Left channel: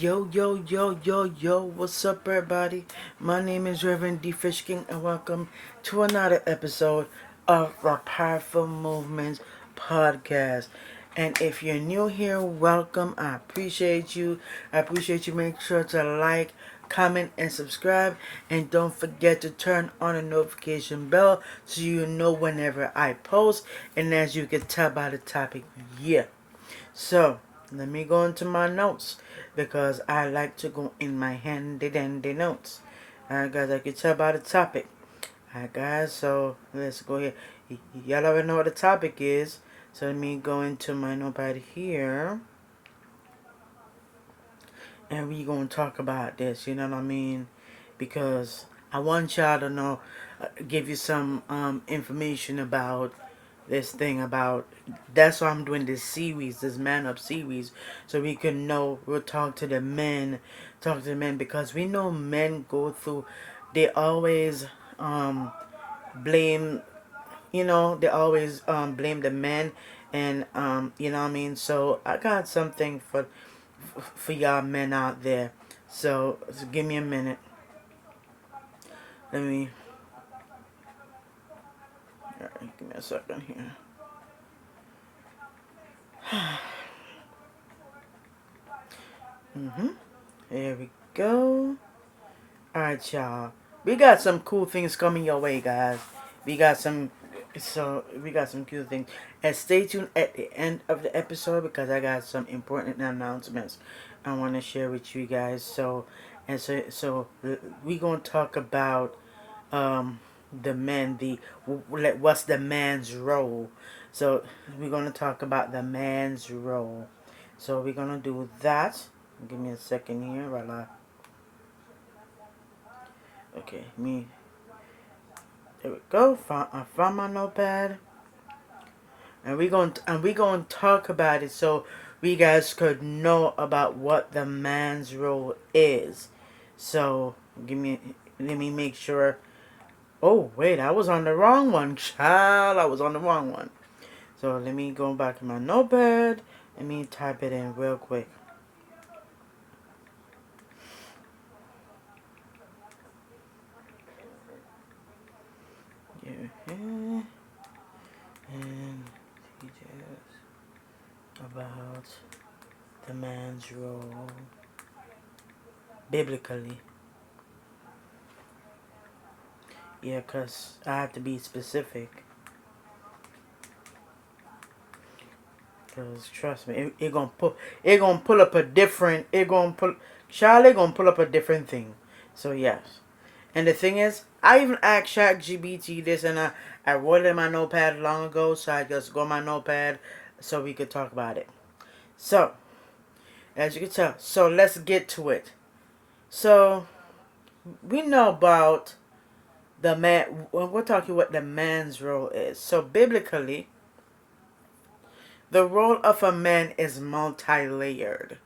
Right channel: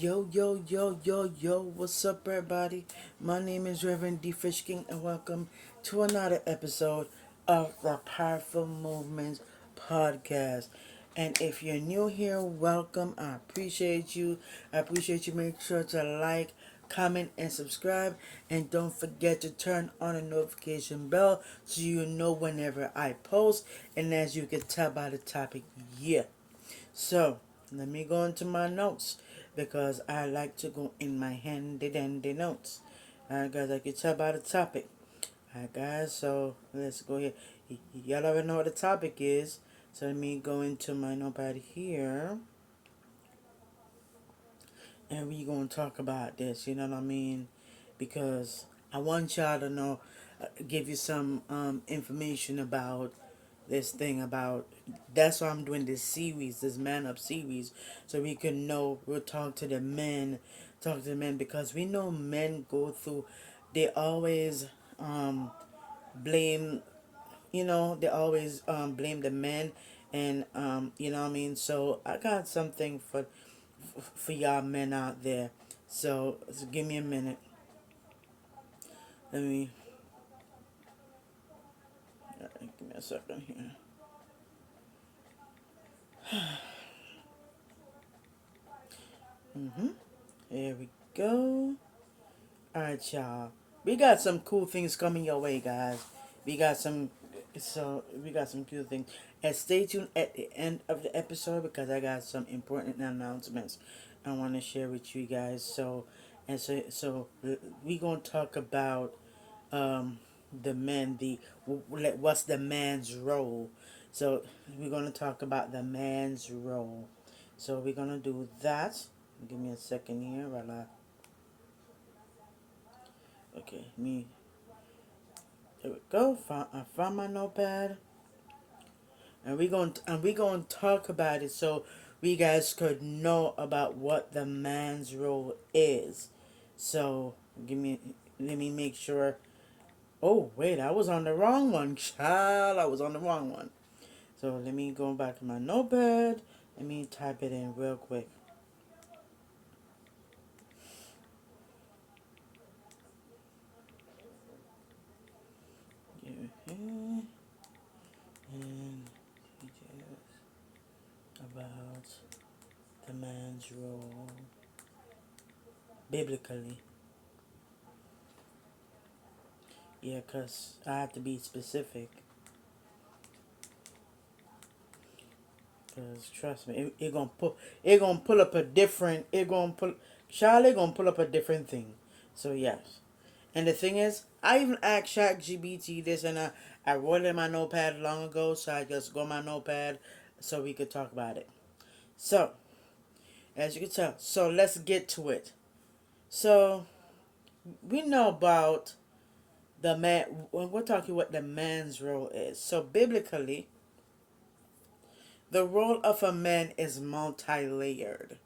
Yo, what's up, everybody? My name is Reverend therealdfreshKing, and welcome to another episode of the Powerful Movements podcast. And if you're new here, welcome. I appreciate you. Make sure to like, comment, and subscribe. And don't forget to turn on the notification bell so you know whenever I post. And as you can tell by the topic, yeah. So, let me go into my notes because I like to go in my handy dandy notes. Alright, guys, I can tell by the topic. Alright, guys, so let's go here. Y'all already know what the topic is. So, let me go into my notepad here. And we going to talk about this, you know what I mean? Because I want y'all to know, give you some information about this thing about that's why I'm doing this series, this man up series, so we can know. We'll talk to the men, because we know men go through, they always blame, they always blame the men, and you know what I mean. So I got something for y'all men out there. So give me a minute. Let me. Alright, give me a second here. There we go. Alright, y'all. We got some cool things coming your way, guys. We got some cool things. And stay tuned at the end of the episode because I got some important announcements I want to share with you guys. So we gonna talk about the men, what's the man's role. So we're gonna talk about the man's role. So we're gonna do that. Give me a second here while okay, there we go. I found my notepad, and we gonna talk about it so we guys could know about what the man's role is. So let me make sure. Oh wait, I was on the wrong one, child. I was on the wrong one. So let me go back to my notepad. Let me type it in real quick. And details about the man's role biblically. Yeah, cause I have to be specific. Cause trust me, it gonna pull up a different. Charlie gonna pull up a different thing. So yes. And the thing is, I even asked ChatGPT this, and I wrote it in my notepad long ago, so I just go on my notepad so we could talk about it. So, as you can tell, so let's get to it. So, we know about the man, when we're talking what the man's role is. So, biblically, the role of a man is multi-layered.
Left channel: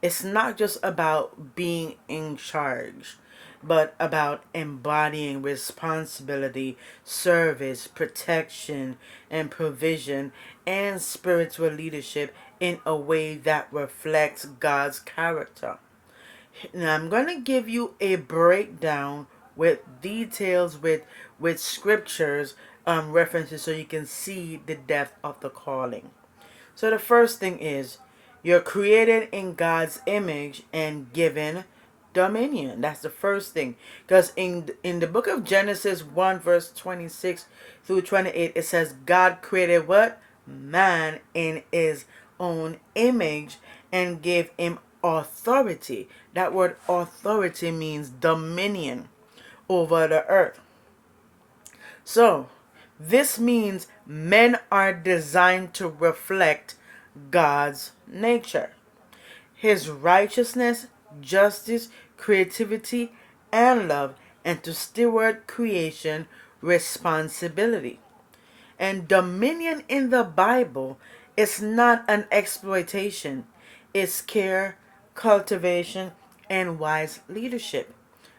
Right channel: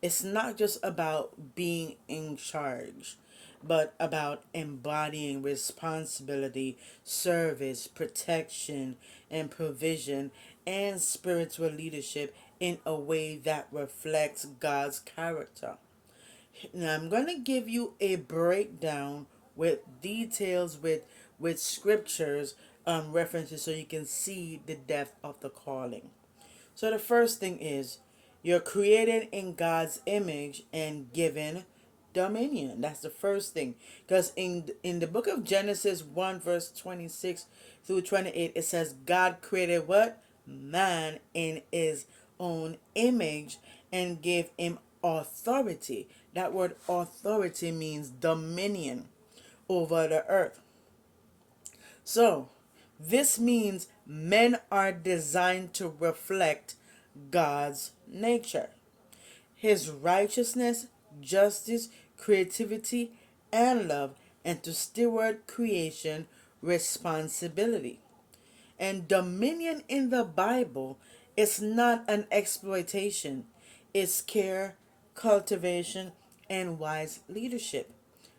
It's not just about being in charge, but about embodying responsibility, service, protection, and provision, and spiritual leadership in a way that reflects God's character. Now, I'm going to give you a breakdown with details, with scriptures, references, so you can see the depth of the calling. So the first thing is, you're created in God's image and given dominion. That's the first thing. Because in the book of Genesis 1 verse 26 through 28, it says God created what? Man in his own image and gave him authority. That word authority means dominion over the earth. So, this means men are designed to reflect God's nature, his righteousness, justice, creativity, and love, and to steward creation responsibility. And dominion in the Bible is not an exploitation, it's care, cultivation, and wise leadership.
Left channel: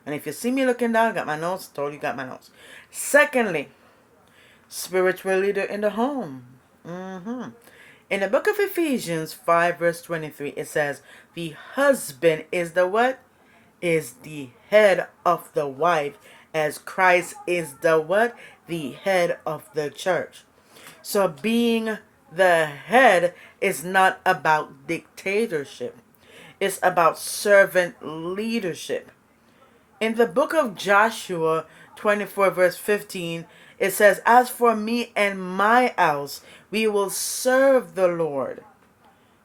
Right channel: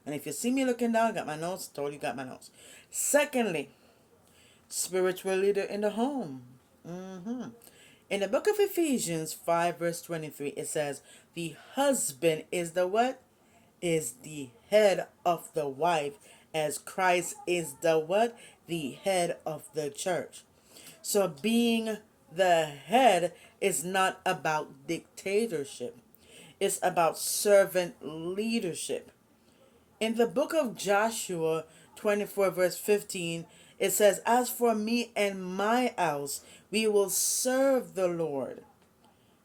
And if you see me looking down, I got my notes, told you got my notes. Secondly, spiritual leader in the home. In the book of Ephesians 5 verse 23, it says, the husband is the what? Is the head of the wife, as Christ is the what? The head of the church. So being the head is not about dictatorship. It's about servant leadership. In the book of Joshua 24 verse 15, it says, as for me and my house, we will serve the Lord.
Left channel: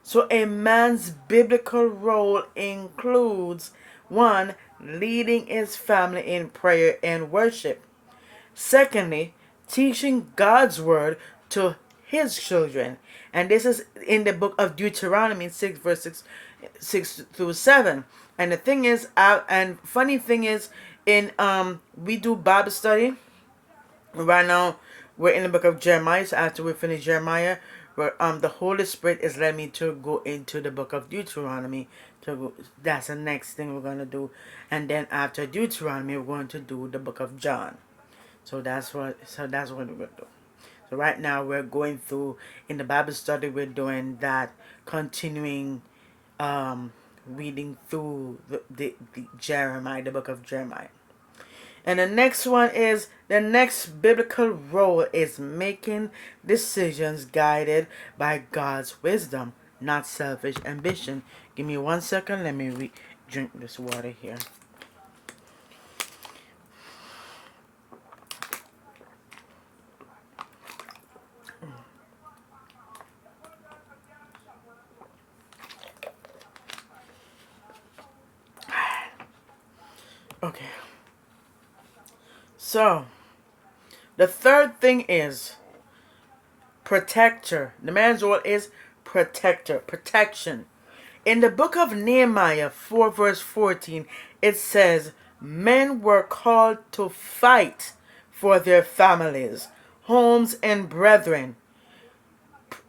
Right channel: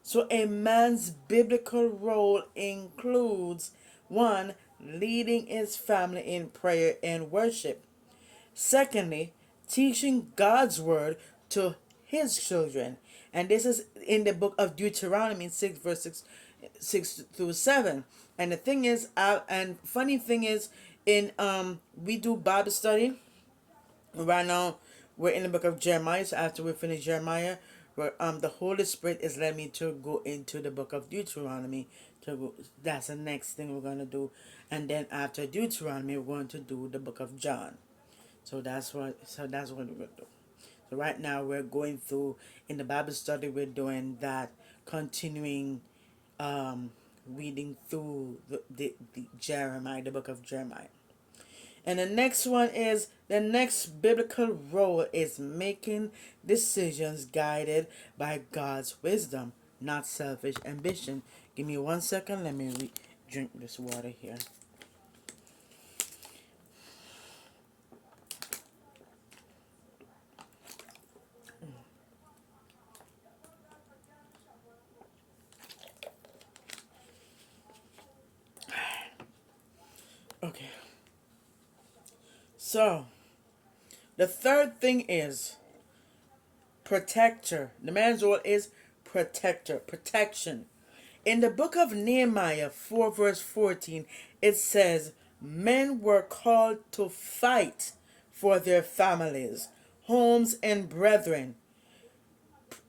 So a man's biblical role includes, one, leading his family in prayer and worship. Secondly, teaching God's word to his children. And this is in the book of Deuteronomy 6 verse 6 through 7. And the thing is, and funny thing is, in we do Bible study. Right now, we're in the book of Jeremiah. So after we finish Jeremiah, the Holy Spirit is letting me to go into the book of Deuteronomy. That's the next thing we're going to do. And then after Deuteronomy, we're going to do the book of John. So that's what we're going to do. So right now we're going through, in the Bible study, we're doing that, continuing reading through the Jeremiah, the book of Jeremiah. And the next one is, the next biblical role is making decisions guided by God's wisdom, not selfish ambition. Give me 1 second. Let me drink this water here. Okay. So, the third thing is protector. The man's role is protector, protection. In the book of Nehemiah 4 verse 14, it says, men were called to fight for their families, homes, and brethren.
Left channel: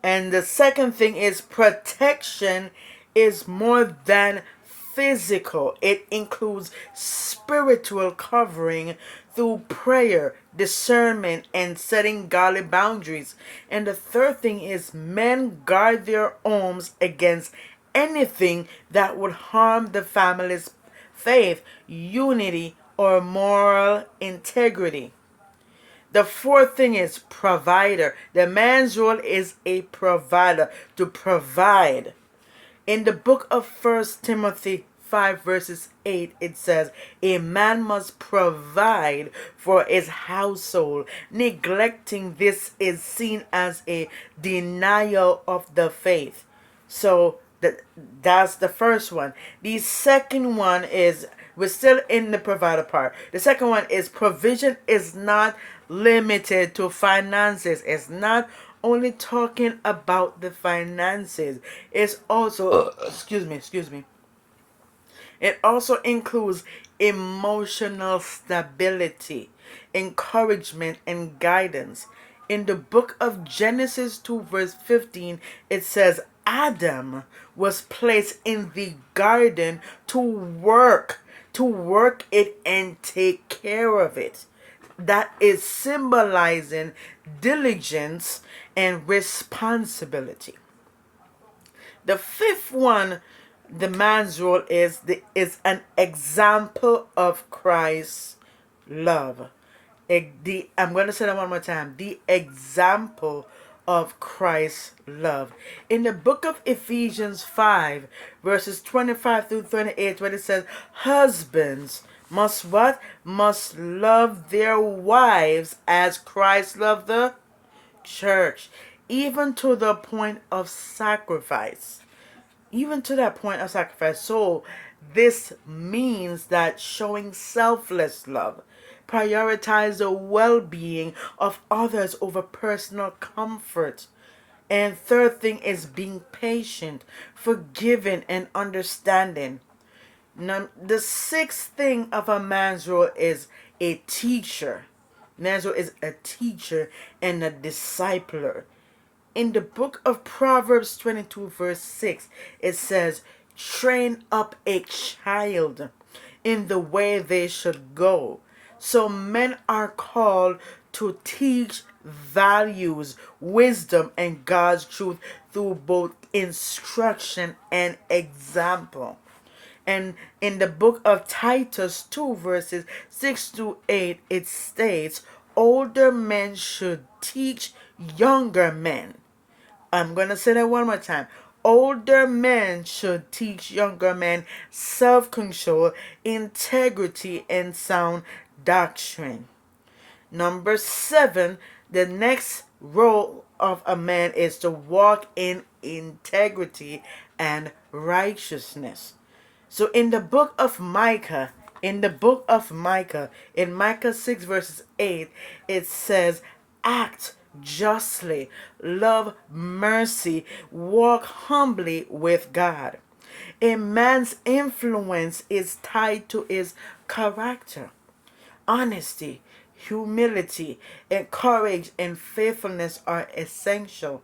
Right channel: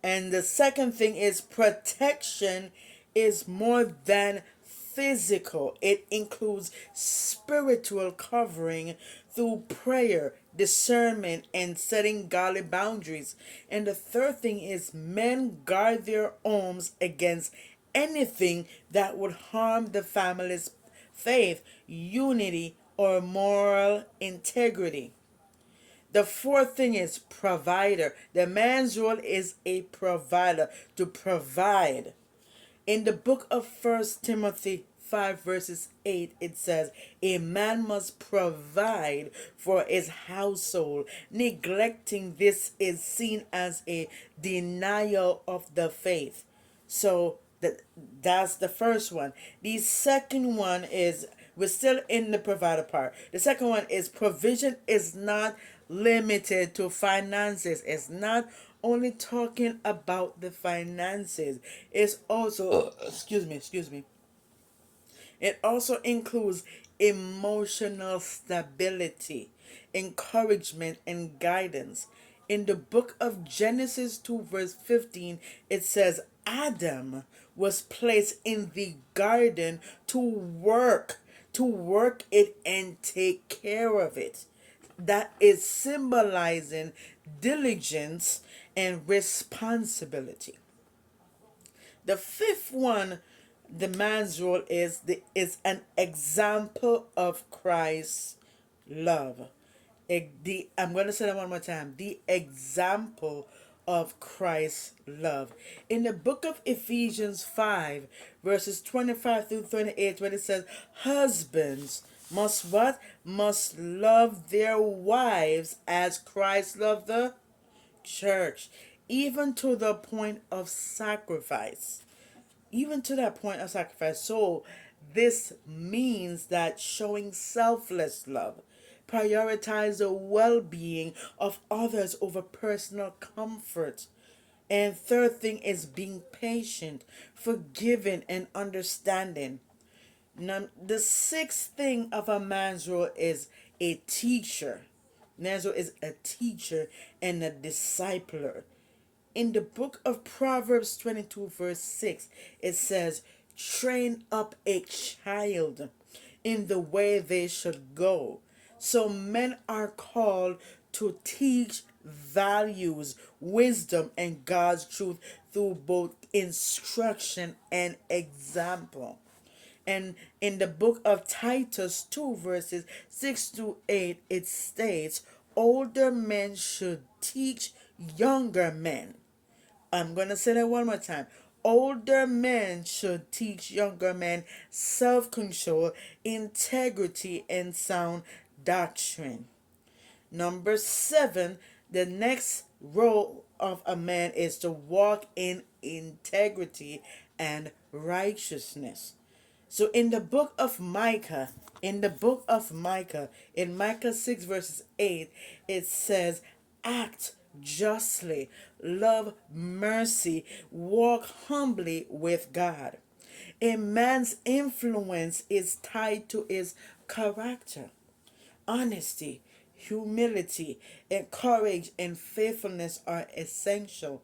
And the second thing is protection is more than physical. It includes spiritual covering through prayer, discernment, and setting godly boundaries. And the third thing is men guard their homes against anything that would harm the family's faith, unity, or moral integrity. The fourth thing is provider. The man's role is a provider, to provide. In the book of 1 Timothy 5 verses 8, it says, a man must provide for his household. Neglecting this is seen as a denial of the faith. So that's the first one. The second one is, we're still in the provider part. The second one is provision is not limited to finances. It's not only talking about the finances. It's also excuse me. It also includes emotional stability, encouragement, and guidance. In the book of Genesis 2 verse 15, it says Adam was placed in the garden to work it and take care of it. That is symbolizing diligence and responsibility. The fifth one, the man's role is an example of Christ's love. I'm going to say that one more time. The example of Christ's love. In the book of Ephesians 5, verses 25 through 28, where it says, husbands must what? Must love their wives as Christ loved the church, even to the point of sacrifice. Even to that point of sacrifice. So this means that showing selfless love, prioritize the well-being of others over personal comfort. And third thing is being patient, forgiving, and understanding. Now, the sixth thing of a man's role is a teacher. Man's role is a teacher and a discipler. In the book of Proverbs 22 verse 6, it says, train up a child in the way they should go. So men are called to teach values, wisdom, and God's truth through both instruction and example. And in the book of Titus 2, verses 6 to 8, it states, older men should teach younger men. I'm going to say that one more time. Older men should teach younger men self control, integrity, and sound doctrine. Number 7, the next role of a man is to walk in integrity and righteousness. So in the book of Micah, in Micah 6 verses 8, it says, act justly, love mercy, walk humbly with God. A man's influence is tied to his character. Honesty, humility, and courage and faithfulness are essential.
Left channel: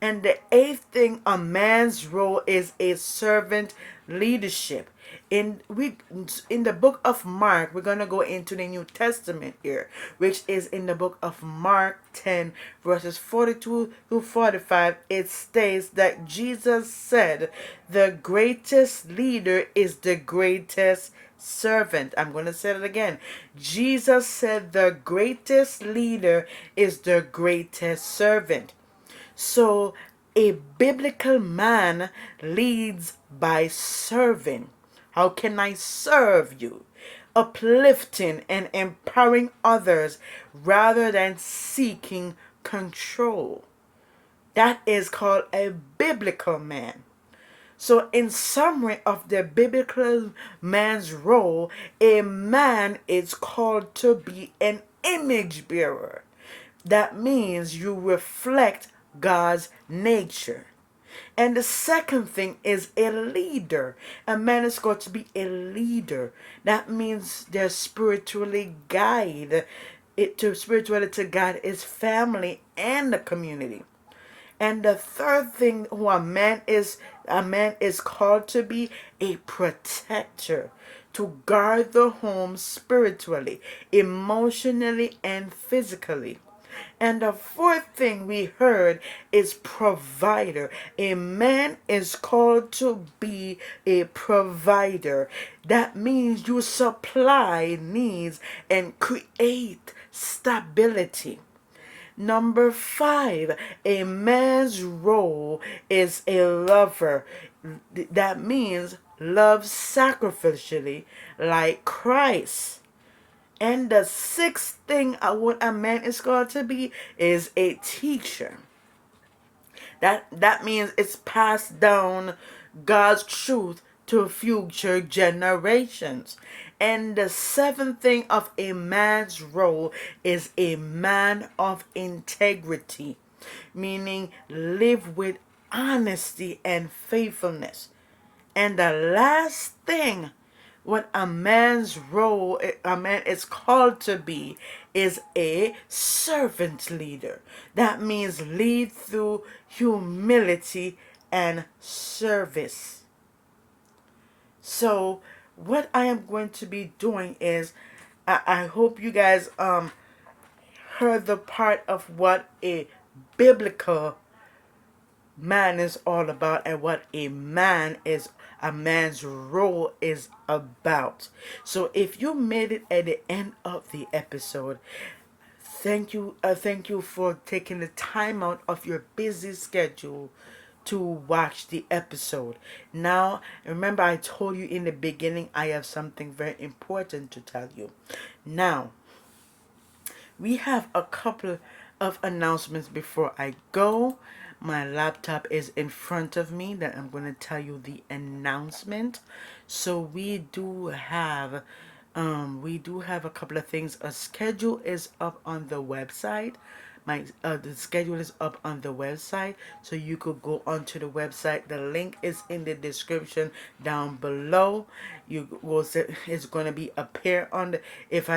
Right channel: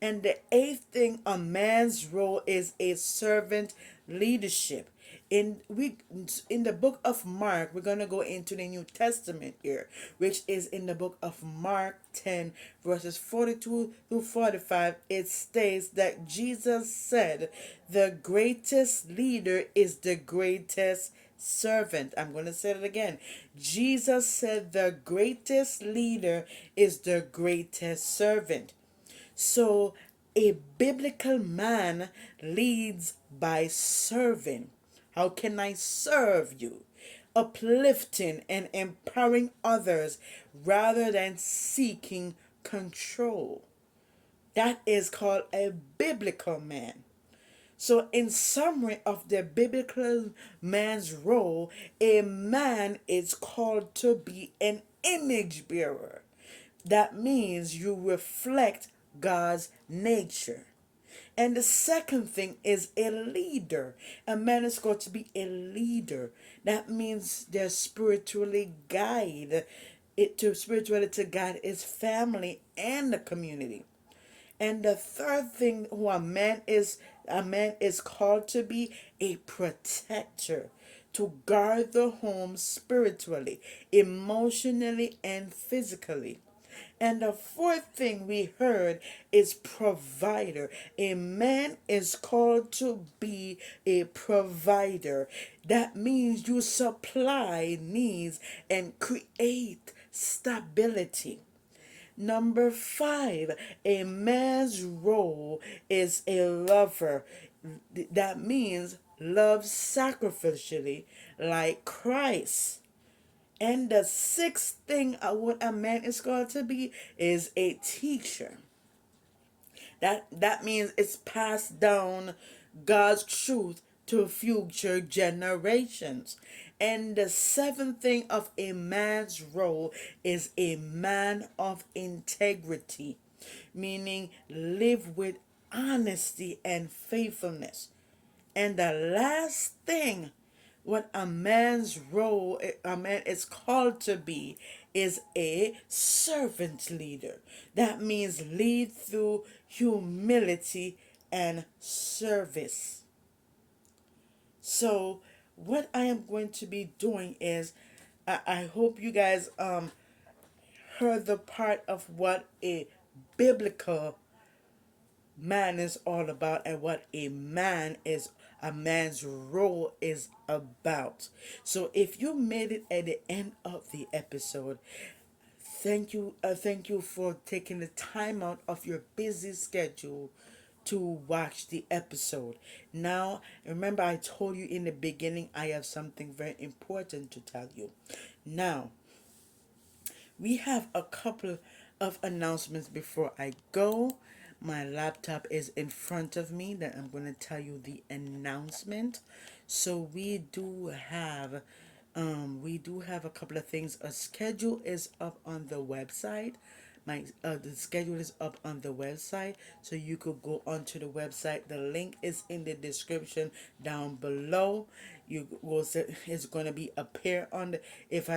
And the 8th thing, a man's role is a servant leadership. In the book of Mark, we're gonna go into the New Testament here, which is in the book of Mark 10, verses 42 through 45. It states that Jesus said, "The greatest leader is the greatest servant." I'm going to say it again. Jesus said, "The greatest leader is the greatest servant." So, a biblical man leads by serving. How can I serve you? Uplifting and empowering others rather than seeking control. That is called a biblical man. So, in summary of the biblical man's role, a man is called to be an image bearer. That means you reflect God's nature. And the second thing is a leader. A man is going to be a leader. That means they're spiritually guide it to spiritually to guide his family and the community. And the third thing who a man is called to be a protector, to guard the home spiritually, emotionally, and physically. And the fourth thing we heard is provider. A man is called to be a provider. That means you supply needs and create stability. Number 5, a man's role is a lover. That means love sacrificially like Christ. And the 6th thing what a man is called to be is a teacher. That means it's passed down God's truth to future generations. And the 7th thing of a man's role is a man of integrity, meaning live with honesty and faithfulness. And the last thing what a man's role, a man is called to be, is a servant leader. That means lead through humility and service. So what I am going to be doing is, I hope you guys heard the part of what a biblical man is all about and what a man's role is about. So if you made it at the end of the episode, thank you for taking the time out of your busy schedule to watch the episode. Now, remember I told you in the beginning I have something very important to tell you. Now, we have a couple of announcements before I go. My laptop is in front of me that I'm going to tell you the announcement. So we do have a couple of things. A schedule is up on the website. The schedule is up on the website, so you could go onto the website. The link is in the description down below. You will see it's going to be appear on the if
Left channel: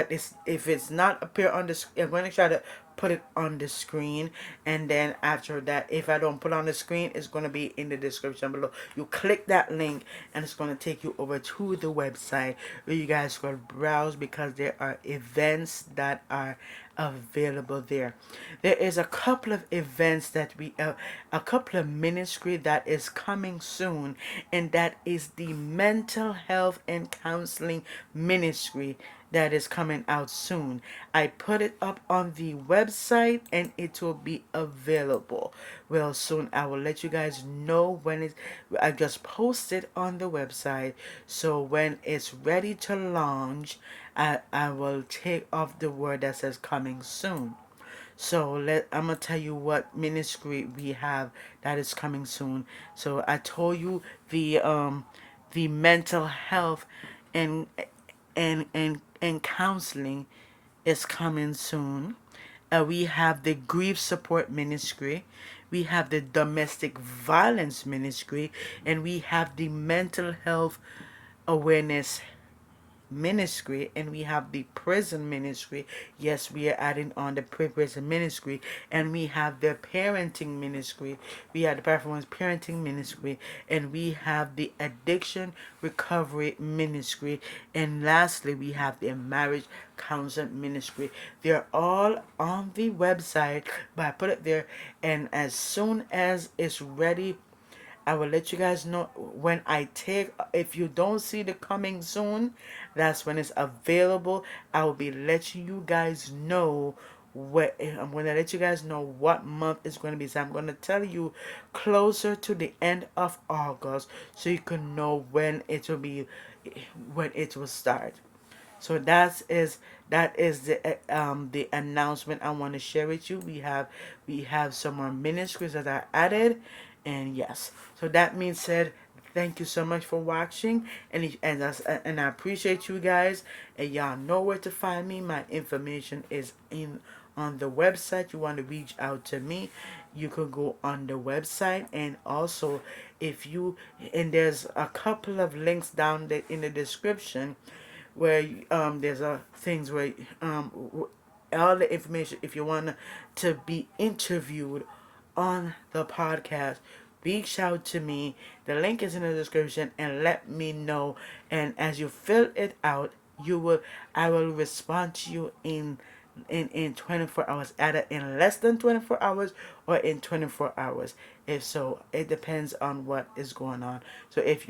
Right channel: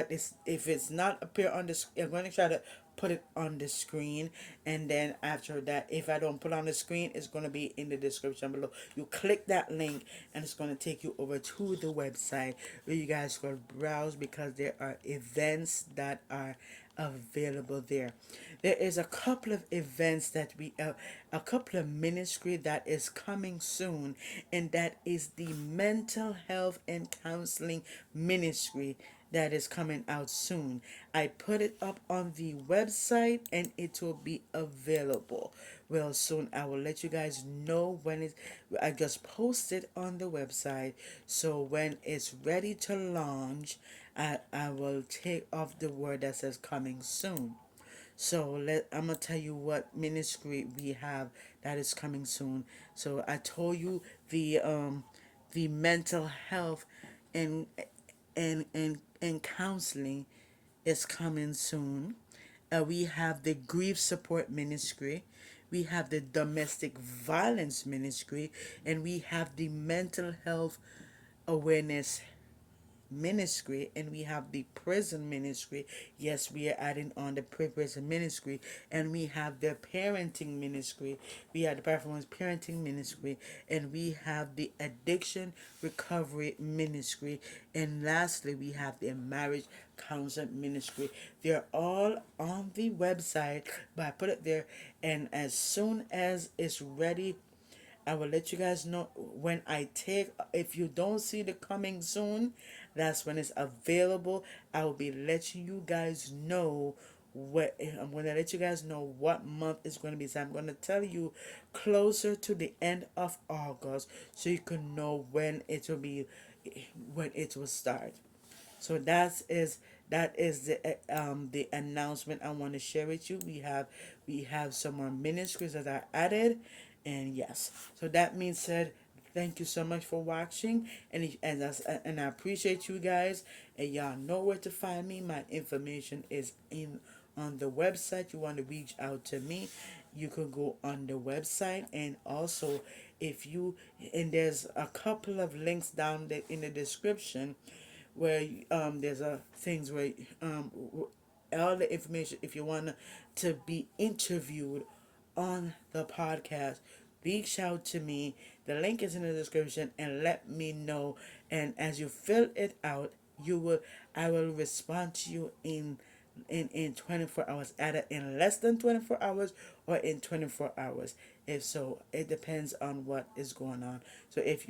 it's not appear on the. I'm going to try to put it on the screen, and then after that, if I don't put it on the screen, it's going to be in the description below. You click that link and it's going to take you over to the website where you guys can browse, because there are events that are available there. There is a couple of events that a couple of ministry that is coming soon, and that is the mental health and counseling ministry that is coming out soon. I put it up on the website and it will be available real soon. I will let you guys know when it. I just posted on the website, so when it's ready to launch, I will take off the word that says coming soon. So I'm gonna tell you what ministry we have that is coming soon. So I told you the mental health and and counseling is coming soon. We have the grief support ministry, we have the domestic violence ministry, and we have the mental health awareness ministry, and we have the prison ministry. Yes, we are adding on the prison ministry, and we have the parenting ministry. We have the performance parenting ministry, and we have the addiction recovery ministry, and lastly, we have the marriage counseling ministry. They're all on the website, but I put it there, and as soon as it's ready, I will let you guys know when I take. If you don't see the coming soon, that's when it's available. I will be letting you guys know what I'm going to let you guys know what month it's going to be. So I'm going to tell you closer to the end of August, so you can know when it will be, when it will start. So that is the announcement I want to share with you. We have some more ministries that are added, and yes. So that means said, thank you so much for watching, and I appreciate you guys. And y'all know where to find me. My information is in on the website. You want to reach out to me, you can go on the website, and also if you and there's a couple of links down there in the description where there's things where all the information, if you want to be interviewed on the podcast, reach out to me. The link is in the description, and let me know. And as you fill it out, you will I will respond to you in 24 hours, either in less than 24 hours or in 24 hours. If so, it depends on what is going on. So if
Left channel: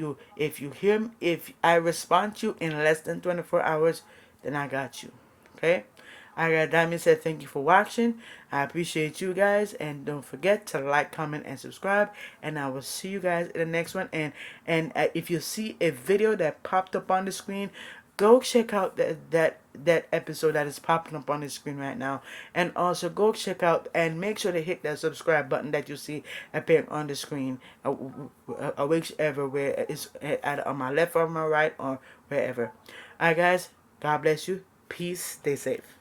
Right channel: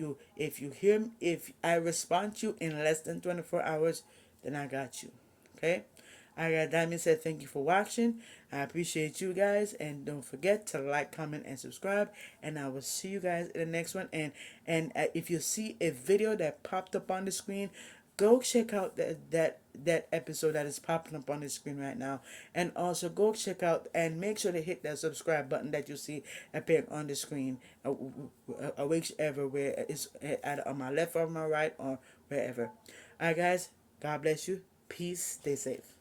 I respond to you in less than 24 hours, then I got you. Okay. I got Diamond said thank you for watching. I appreciate you guys, and don't forget to like, comment, and subscribe. And I will see you guys in the next one. And if you see a video that popped up on the screen, go check out that episode that is popping up on the screen right now. And also go check out and make sure to hit that subscribe button that you see appearing on the screen, whichever way it's either on my left or my right or wherever. Alright guys, God bless you. Peace. Stay safe.